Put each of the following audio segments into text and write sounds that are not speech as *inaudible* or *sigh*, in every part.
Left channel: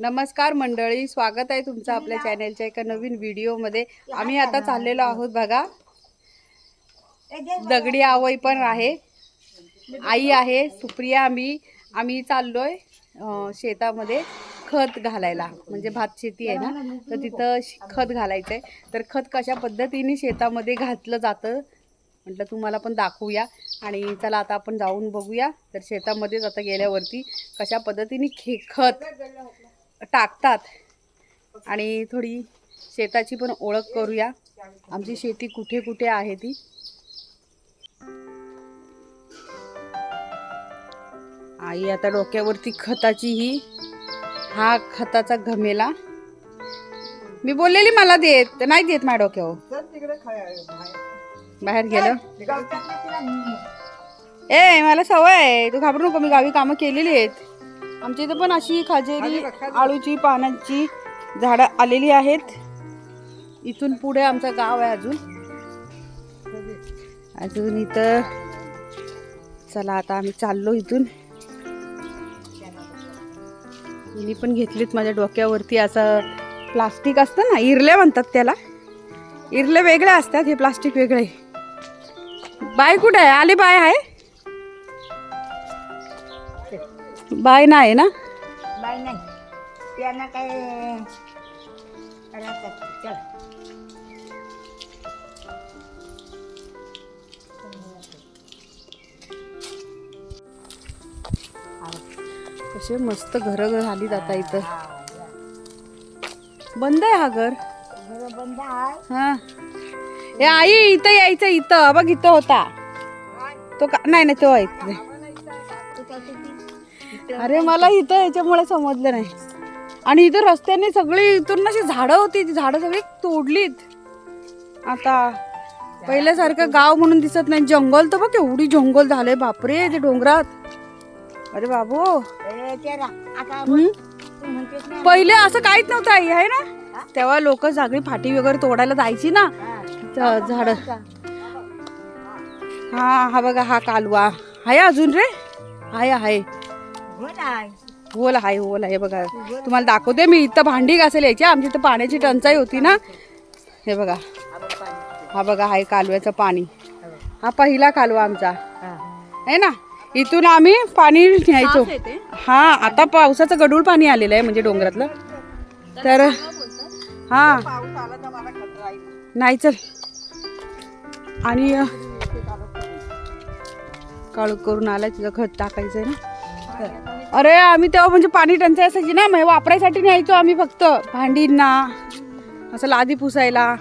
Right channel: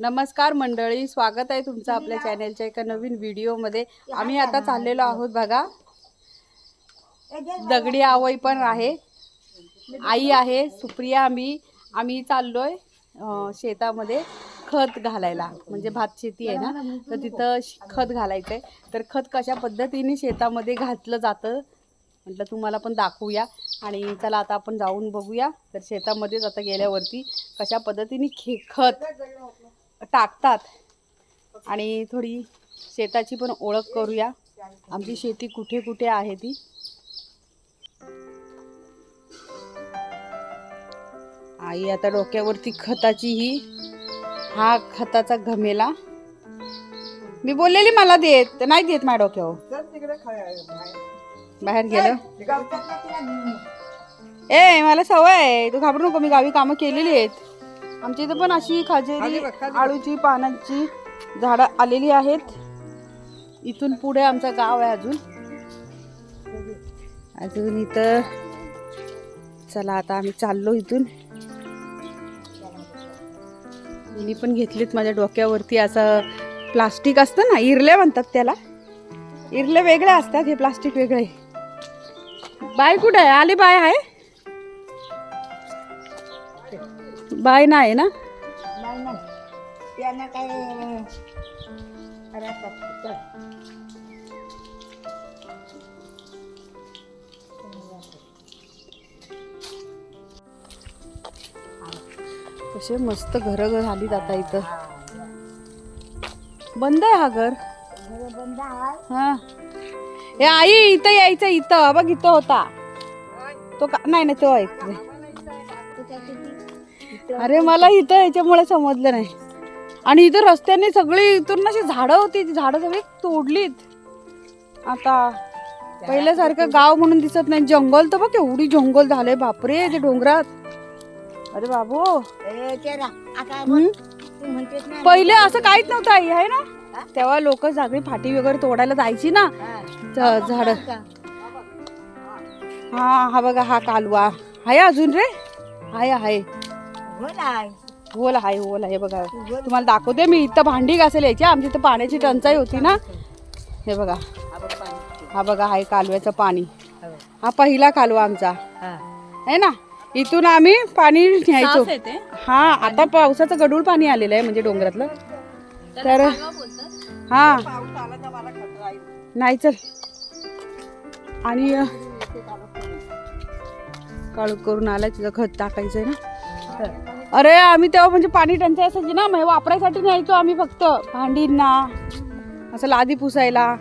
नमस्कार मंडळी स्वागत आहे तुमचं आपल्या चॅनेलच्या एका नवीन व्हिडिओमध्ये. आम्ही आता चाललेलो आहोत बघा. दगडी आवई पण आहे. आई आहे सुप्रिया आम्ही आम्ही चाललोय शेतामध्ये खत घालायला. म्हणजे भात शेती आहे ना तर तिथं खत घालायचं आहे तर खत कशा पद्धतीने शेतामध्ये घातलं जातं? म्हटलं तुम्हाला पण दाखवूया. आणि चला आता आपण जाऊन बघूया. तर शेतामध्येच आता गेल्यावरती कशा पद्धतीने खे खत टाकतात. आणि थोडी शेताची पण ओळख करूया. आमची शेती कुठे कुठे आहे ती? आई आता डोक्यावरती खताची ही हा खताचा घमेला. मी बोललेली मला देत नाही देत माझ्या डोक्यावर. बाहेर. गेलं. ए मला सवय आहे. तू घाबरू नको मी गावी कामं केलेली आहेत. आमच्या इथं पण अशी खाजेरी आळूची पानांची झाडं आलेली आहेत. इथून पुढे आमचं गाव आहे अजून. अजून इथं चला आता आम्ही चाललो इथून. मी पण घेतलीत माझ्या डोक्यावरती असं प्लास्टिक असतं ना इरले म्हणतात त्याला. इरले वेगळे असतात हे प्लास्टिक वेगळे. बाय कुठे आहे? आली बाय आहे? बाय नाही ना? नाही नाही. त्यांना काय राहतात. चल. कसे मस्त घरं झाली आता इथं. बंद आहे हा घर? घरं बंद हा. ए आई इथं यायचं इथं. बघ इथं होता. तो का नाही नाही तो आहे. *laughs* अरे मला इथं याच्यामुळे समजलं नाही. आणि इथं रस्त्याने सगळी इथून अशी झाडं होती ती झाडं सगळी तोडलीत. आता पहिल्यासारखं गाव म्हणून दिसत नाही. जंगल तर बघ एवढी जंगल झालंय. बापरे ते डोंगरात. अरे बाबू. हम्म? पहिले असं काहीच नव्हतं आई आहे ना? तेव्हा लोक सगळी फाटी वगैरे तोडायला जायची ना. झाड. हा हा बघा हा कालवा. आहे अजून रे? आहे आहे होल आहे. होल आहे बघा. तुम्हाला दाखवते मी इथं भांडी घासायला यायची आमची इथं पाण्याची टंचाई होती ना. हे बघा. हा बघा आहे कालव्याचं पाणी. हा पहिला कालवा आमचा. हा. आहे ना? इथून आम्ही पाणी न्यायचो. हा आता पावसाचं गडूळ पाणी आलेलं आहे म्हणजे डोंगरातलं. तर हा. नाही चल. आणि काळू करून आलाय तिथं खत टाकायचं आहे ना. अरे आम्ही तेव्हा म्हणजे पाणी टंचाई असायची ना मग वापरायसाठी न्यायचो आम्ही फक्त. भांडींना असं लादी पुसायला.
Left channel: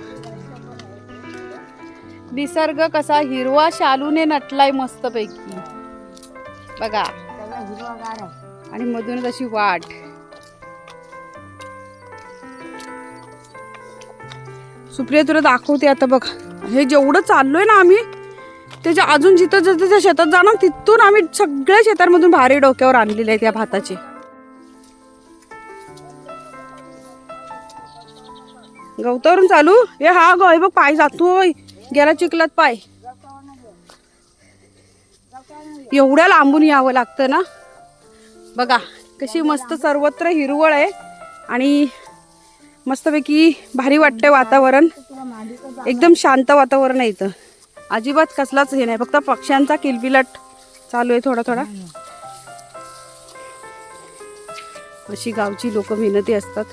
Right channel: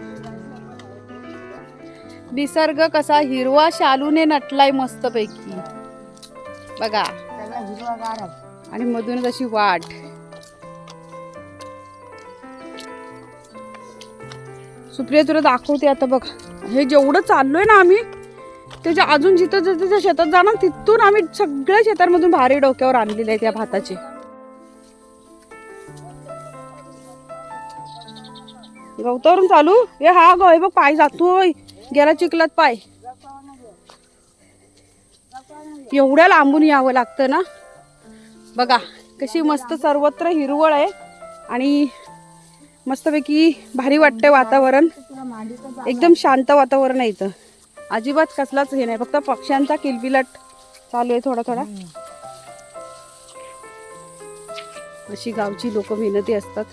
निसर्ग कसा हिरवा शालूने नटलाय मस्तपैकी. बघा. आणि मधूनच अशी वाट. सुप्रिया तुला दाखवते आता बघ. हे जेवढं चाललोय ना आम्ही त्याच्या अजून जिथं जिथं त्या शेतात जाणार तिथून आम्ही सगळ्या शेतांमधून भारी डोक्यावर आणलेले आहेत या भाताचे. गवतावरून चालू? हे हा गो बघ पाय जातोय. गेला चिखलात पाय. एवढ्या लांबून यावं लागतं ना? बघा कशी मस्त सर्वत्र हिरवळ आहे आणि मस्तपैकी भारी वाटतंय वातावरण. एकदम शांत वातावरण आहे इथं. अजिबात कसलाच हे नाही. फक्त पक्ष्यांचा किलबिलाट चालू आहे थोडा थोडा. अशी गावची लोक मेहनती असतात.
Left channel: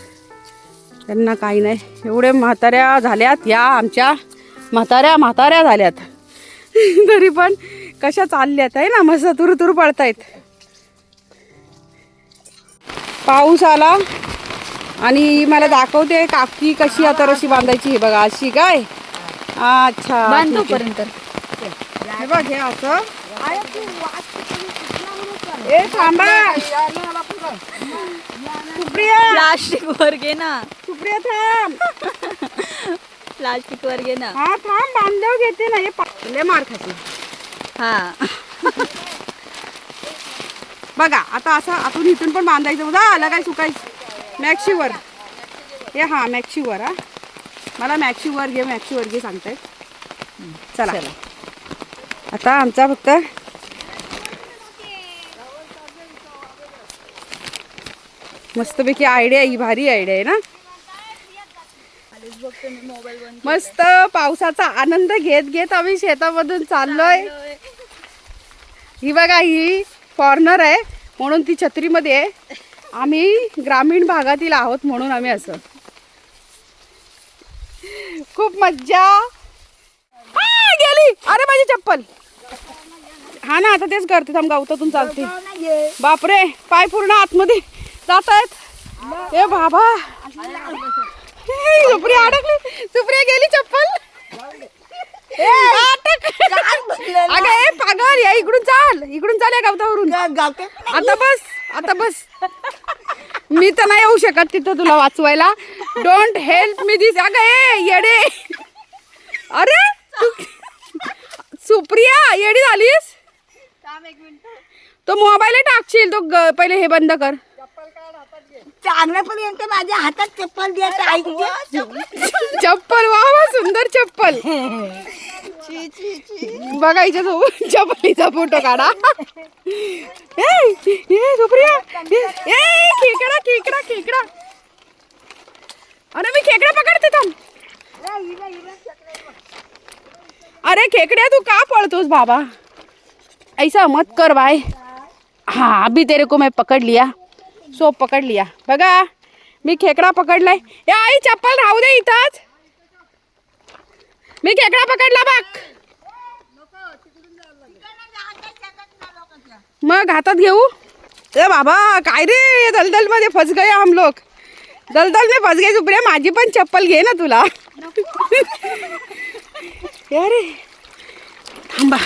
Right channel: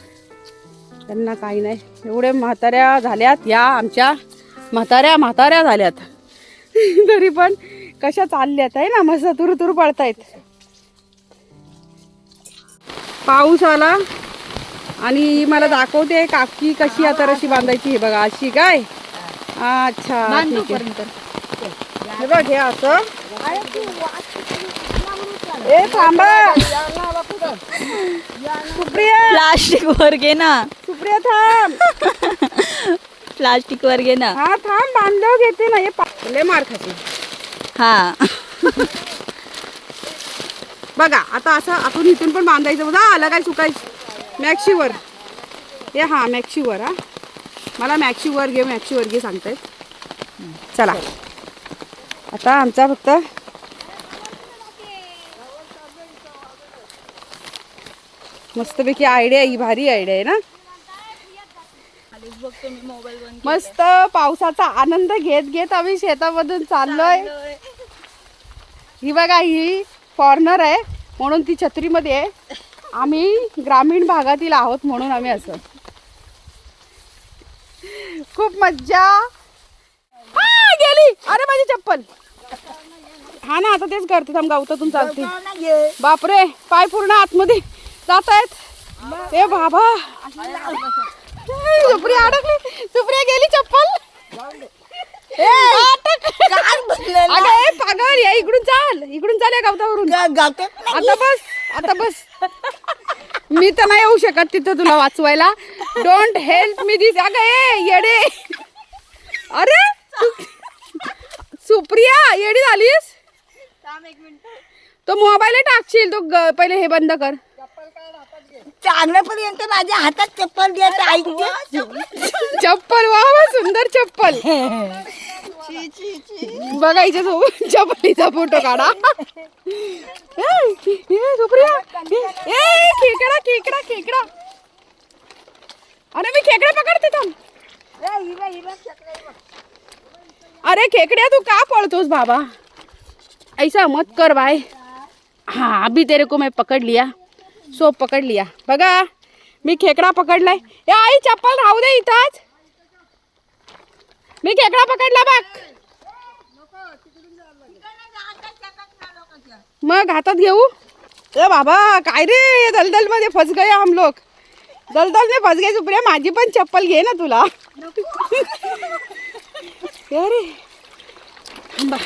त्यांना काही नाही. एवढे म्हाताऱ्या झाल्यात या आमच्या. म्हाताऱ्या म्हाताऱ्या झाल्यात. *laughs* तरी पण कशा चालल्यात आहे ना? मस्त तुरु तुरु पळतायत. पाऊस आला आणि मला दाखवते काकी कशी आता रशी बांधायची हे बघा. अशी काय? अच्छा ठीक आहे. हे बघ हे असं. ए थांबा. सुप्रिया. प्लास्टिक वर घे ना. सुप्रिया थांब. प्लास्टिक वर घे ना. हा थांब बांधव घेते ना. हे पा- लय मार खाते. हा. बघा आता असं आपण इथून पण बांधायचं. बघा आलं काय सुकायचं? मॅक्शीवर हे हा मॅक्शीवर हा. मला मॅक्शीवर घे मॅक्शीवर घे सांगतायत चला. आता आमचा फक्त मस्तपैकी आयडिया ही भारी आयडिया आहे ना? मस्त पावसाचा आनंद घेत घेत आम्ही शेतामधून चाललोय. ही बघा ही फॉरनर आहे म्हणून ती छत्रीमध्ये आहे. आम्ही ग्रामीण भागातील आहोत म्हणून आम्ही असं. खूप मज्जा. गेली. अरे माझी चप्पल. हा ना आता तेच करते. थांब गावतातून चालते. बापरे पाय पूर्ण आतमध्ये जात आहेत ए बाबा. सुप्रिया अडकली. सुप्रिया गेली चप्पल? अगं ए पागल या इकडून चाल. इकडून चाल या गावतावरून. आता बस आता बस. मी तर नाही येऊ शकत तिथं तुला वाचवायला. डोंट हेल्प मी दिस अगं ए येडे. अरे सुप्रिया येडी झालीस? तो मोबाईल टाकशील तो ग- पहिले हे बंद कर. चांगल्यापर्यंत माझ्या हातात चप्पल द्यायचं चप्पल. वा वा सुंदर चप्पल. बघा हिच्या सोबत चप्पलीचा फोटो काढा. ए, ए, सुप्रिया. ए, ए, खेकडा खेकडा खेकडा. अरे मी खेकडा पकडते थांब. अरे खेकड्या तू का पळतोस बाबा? ऐसा मत कर बाय. हाँ अभी तेरे को मैं पकड़ लिया. सो पकड लिया. बघा मी खेकडा पकडलाय. ए आई चप्पल राहू दे इथंच. मी खेकडा पकडला बघ. मग हातात घेऊ? ए बाबा काय रे? दलदलमध्ये फस गए हम लोग दलदल में फस गए सुप्रिया माझी पण चप्पल घे ना तुला. अरे थांबा.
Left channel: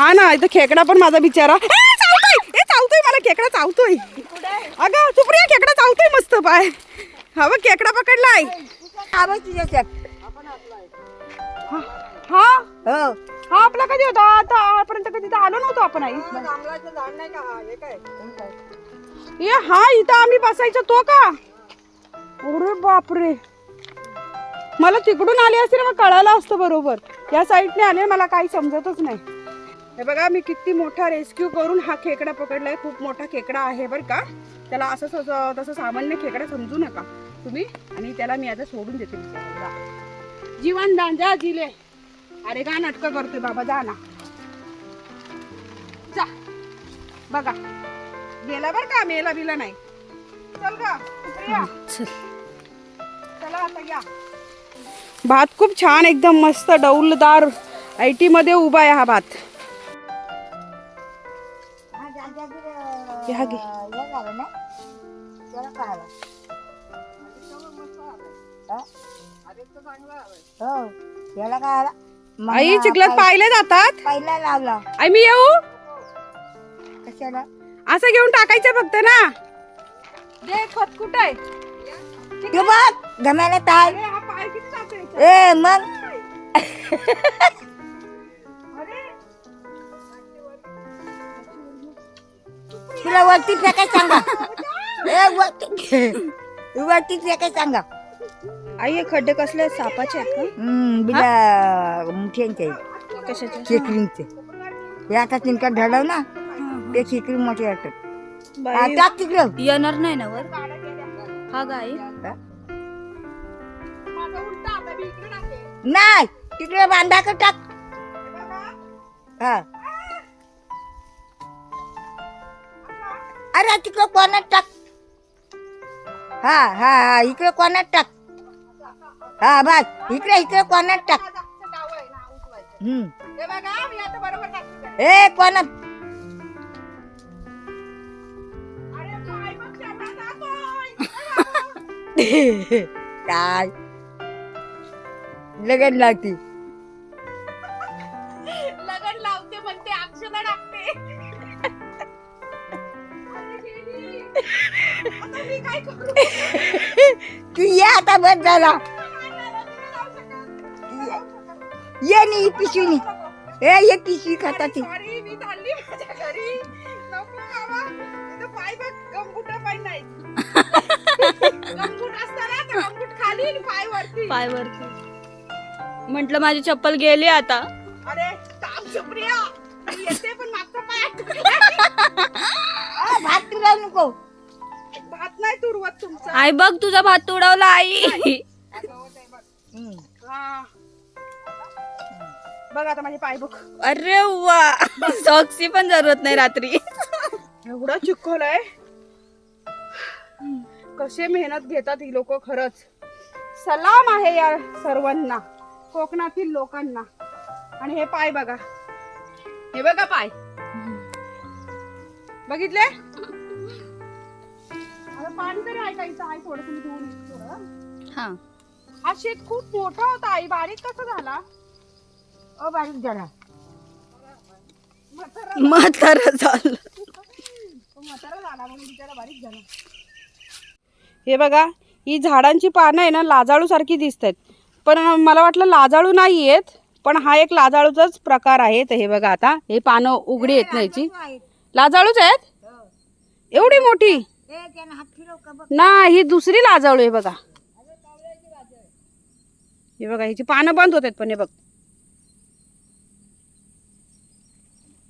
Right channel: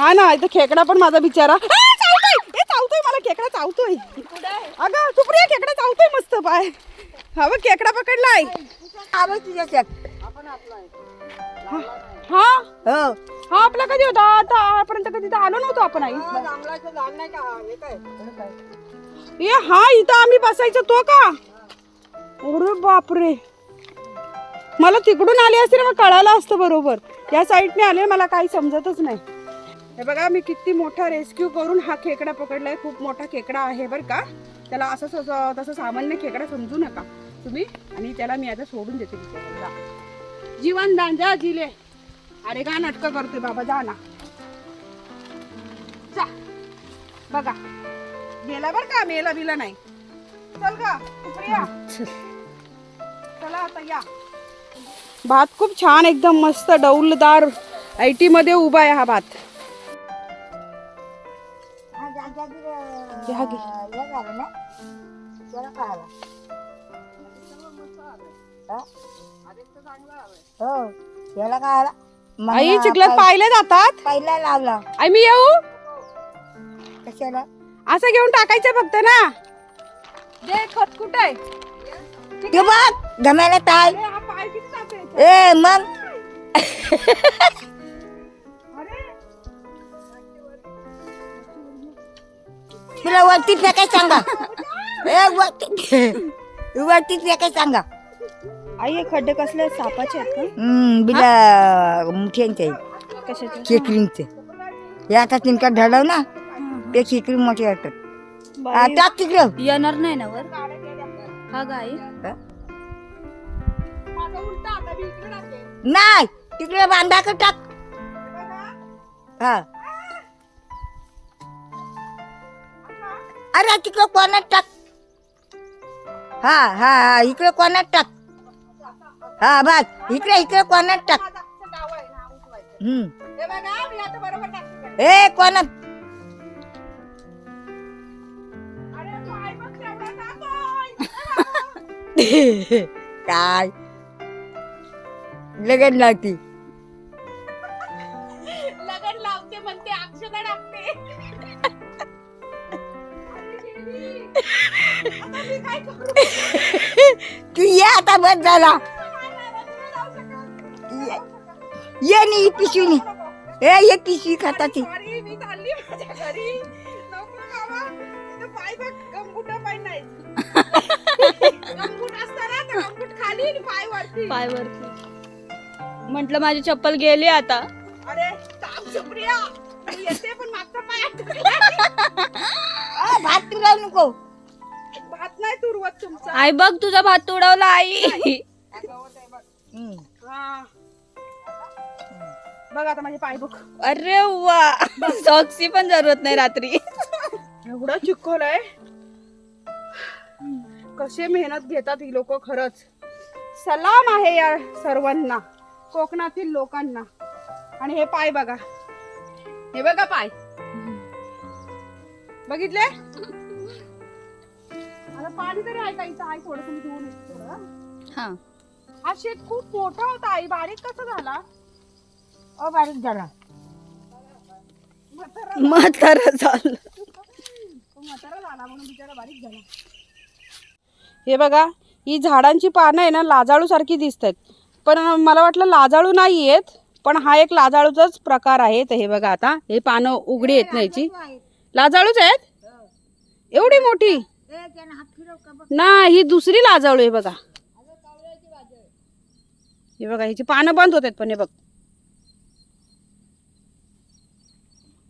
हा ना इथं खेकडा पण माझा बिचारा. ए, चावतोय चावतोय मला खेकडा चावतोय अगं सुप्रिया खेकडा चावतोय मस्त पाय. हा बघ खेकडा पकडलाय हा हा हो? हा. आपला कधी होता? आता आपर्यंत कधी आलो नव्हतो आपण आई. ए हा इथं आम्ही बसायचो तो का? अरे बापरे. मला तिकडून आले असते ना मग कळालं असतं बरोबर. या साईडने आले मला काही समजतच नाही. हे बघा मी किती मोठा रेस्क्यू करून हा खेकडा पकडलाय. खूप मोठा खेकडा आहे बरं का. त्याला असं तसं तसं सामान्य खेकडा समजू नका तुम्ही. आणि त्याला मी आता सोडून देते जीवन दान जा जिले. अरे का नाटकं करतोय बाबा जा ना. जा. बघा. गेला बर का मेला बिला नाही. चल गा सुप्रिया चला. आता या. भात खूप छान एकदम मस्त डौलदार आयटी मध्ये उभा आहे हा भात. घ्या घे. आई चिखलात पाहिले जातात आई मी येऊ? कशाला? असं घेऊन टाकायचं फक्त ना. दे खत कुठं आहे? ते बघ गमायला ताय अरे, हा पाय किती चालतोय ए मग? अरे. तुला वरती फेकाय सांगा. *laughs* ए वरती *laughs* वरती फेकाय सांगा. आई हे खड्डे कसले सापाचे आहेत का? हम्म, बिला मुठ्यांचे. कशाचे? खेकडींचे हे आता तिनका ढळव ना? ते खेकडी मोठी वाटतात हा, टाक तिकडं. येणार नाही ना वर? हा गाई इकडे नाही तिकडे बांधा का टाक. हा. अरे तिकडे कोणात टाक. हा हा हा इकडे कोणात टाक. हा बस. इकडे इकडे कोणात टाक. हम्म. हे कोणात? *laughs* काय? लगन लागती लगन लावते म्हणते अक्षता टाकते. अरे गेली. आता मी काय करू? तू ये आता बस झाला. ये- नी ही पिशवी नी. ए ये पिशवी खाताची. मी चालली माझ्या घरी. नको बाबा पाय बघ गमगुट पाय नाही. पाय वरती म्हंटल माझी चप्पल गेली आता. अरे येते पण मागचा पाय. *laughs* भात नको. भात नाही तुरवत तुमचा. आई बघ तुझा भात उडवला आई. बघ आता माझे पाय बघ. अरे वा. सॉक्सची पण जरूरत नाही रात्री. एवढं चिखल आहे. कसे मेहनत घेतात ही लोक खरंच. सलाम आहे या सर्वांना कोकणातील लोकांना. आणि हे पाय बघा. हे बघा पाय. बघितले? आता पाणी तरी ऐकायचं आई थोडस मी धुवून थोडं. हा. हा शेत खूप मोठा होता आई. बारीक कसा झाला? अ बारीक झाला. म्हातारा झालं. म्हातारा झाला म्हणून बिचारा बारीक झाला. हे बघा ही झाडांची पानं आहे ना लाजाळू सारखी दिसत आहेत पण मला वाटलं लाजाळू नाही आहेत पण हा एक लाजाळूचाच प्रकार आहे तर हे बघा आता हे पानं उघडी आहेत ना याची लाजाळूच आहेत? एवढी मोठी? ना ही दुसरी लाजाळू आहे बघा. हे बघा ह्याची पानं बंद होत आहेत पण हे बघ.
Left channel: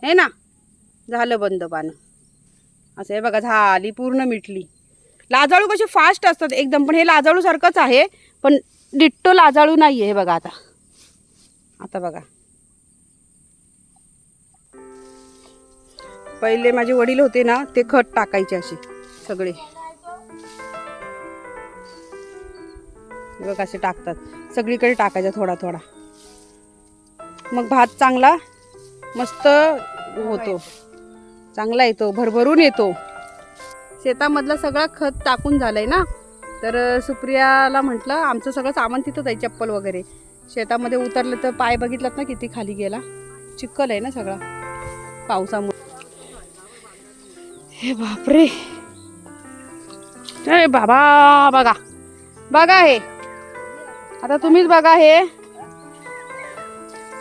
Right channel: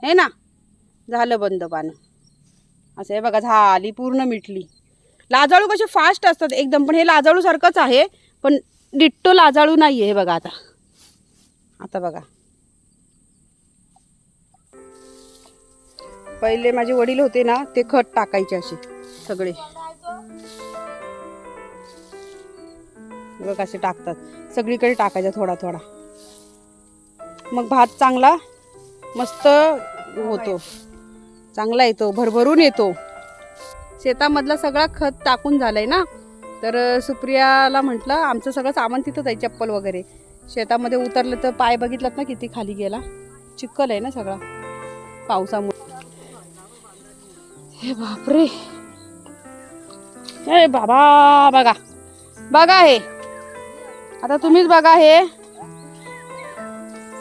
हे ना झालं बंद पानं. असं हे बघा झाली पूर्ण मिटली. लाजाळू कसे फास्ट असतात एकदम पण हे लाजाळू सारखंच आहे पण डिट्टो लाजाळू नाही आहे हे बघा आता. आता बघा. पहिले माझे वडील होते ना ते खत टाकायचे असे सगळे. बघ असे टाकतात. सगळीकडे टाकायचा थोडा थोडा. मग भात चांगला मस्त होतो. चांगला येतो भरभरून येतो. शेतामधला सगळा खत टाकून झालंय ना? तर सुप्रियाला म्हटलं आमचं सगळं सामान तिथंच आहे चप्पल वगैरे. शेतामध्ये उतरलं तर पाय बघितलात ना किती खाली गेला? चिखल आहे ना सगळा? पावसामुळे. हे बापरे! हे बाबा बघा. बघा हे. आता तुम्हीच बघा हे.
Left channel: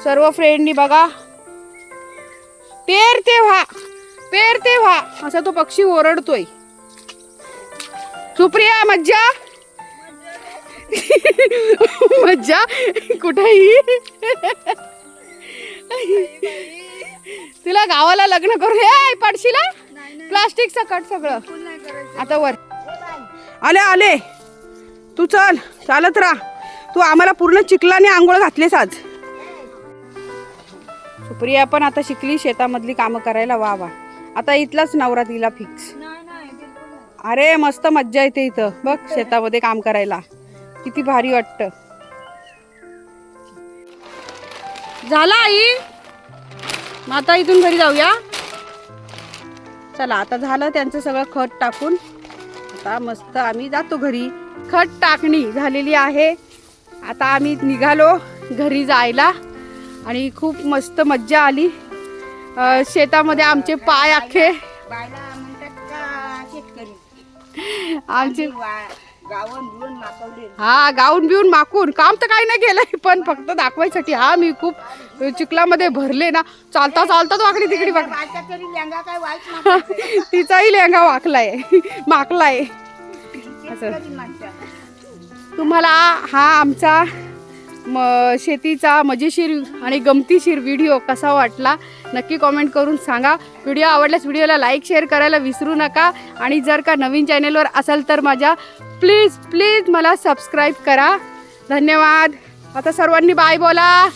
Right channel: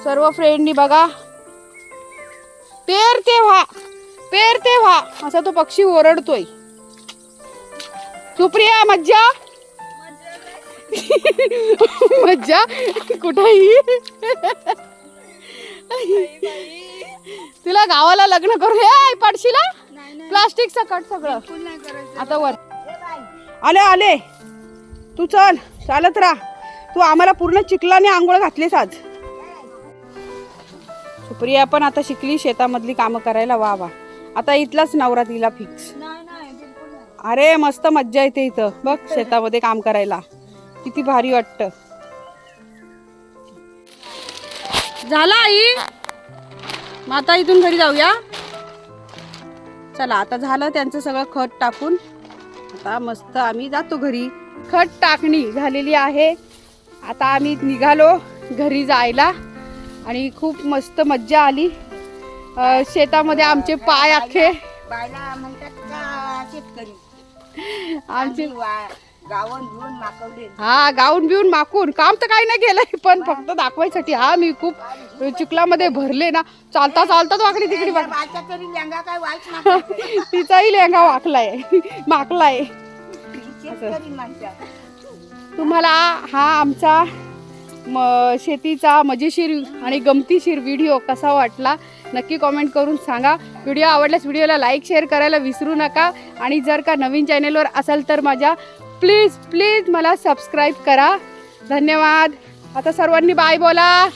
सर्व फ्रेंडनी बघा. पेरते व्हा. पेरते व्हा. असा तो पक्षी ओरडतोय. सुप्रिया मज्जा? मज्जा? कुठेही? तुला गावाला लग्न करू हे पडशीला? प्लास्टिक सकट सगळं. आता वर. आले आले. तू चल चालत राहा. तू आम्हाला पूर्ण चिखलाने आंघोळ घातलीस आज. सुप्रिया पण आता शिकली शेतामधली कामं करायला वा वा. आता इथलाच नवरा तिला फिक्स अरे मस्त मज्जा येते इथं. बघ शेतामध्ये काम करायला. किती भारी वाटत. झाला आई? मग आता इथून घरी जाऊया. चला आता झालं त्यांचं सगळं खत टाकून. आता मस्त आम्ही जातो घरी. खत टाकणी झालेली आहे. आता आम्ही निघालो घरी जायला. आणि खूप मस्त मज्जा आली. शेतामध्ये आमचे पाय अख्खे. आमचे हा गाऊन बिऊन माकून. काम तर काही नाही केलंय पण फक्त दाखवायसाठी. हा मी खूप चिखलामध्ये भरले ना. चालता चालता वाकडी तिकडी *laughs* तिचाही लेंगा वाकलाय. माकलाय. तुम्हाला हा आमचा म शेतीचा मजेशीर आणि गमतीशीर व्हिडिओ कसा वाटला? नक्की कॉमेंट करून सांगा. व्हिडिओ आवडल्यास व्हिडिओला लाईक शेअर करायला विसरू नका. आणि जर का नवीन चॅनेलवर असाल तर माझ्या प्लीज प्लीज मला सबस्क्राईब करा. धन्यवाद. आता सर्वांनी बाय बोला.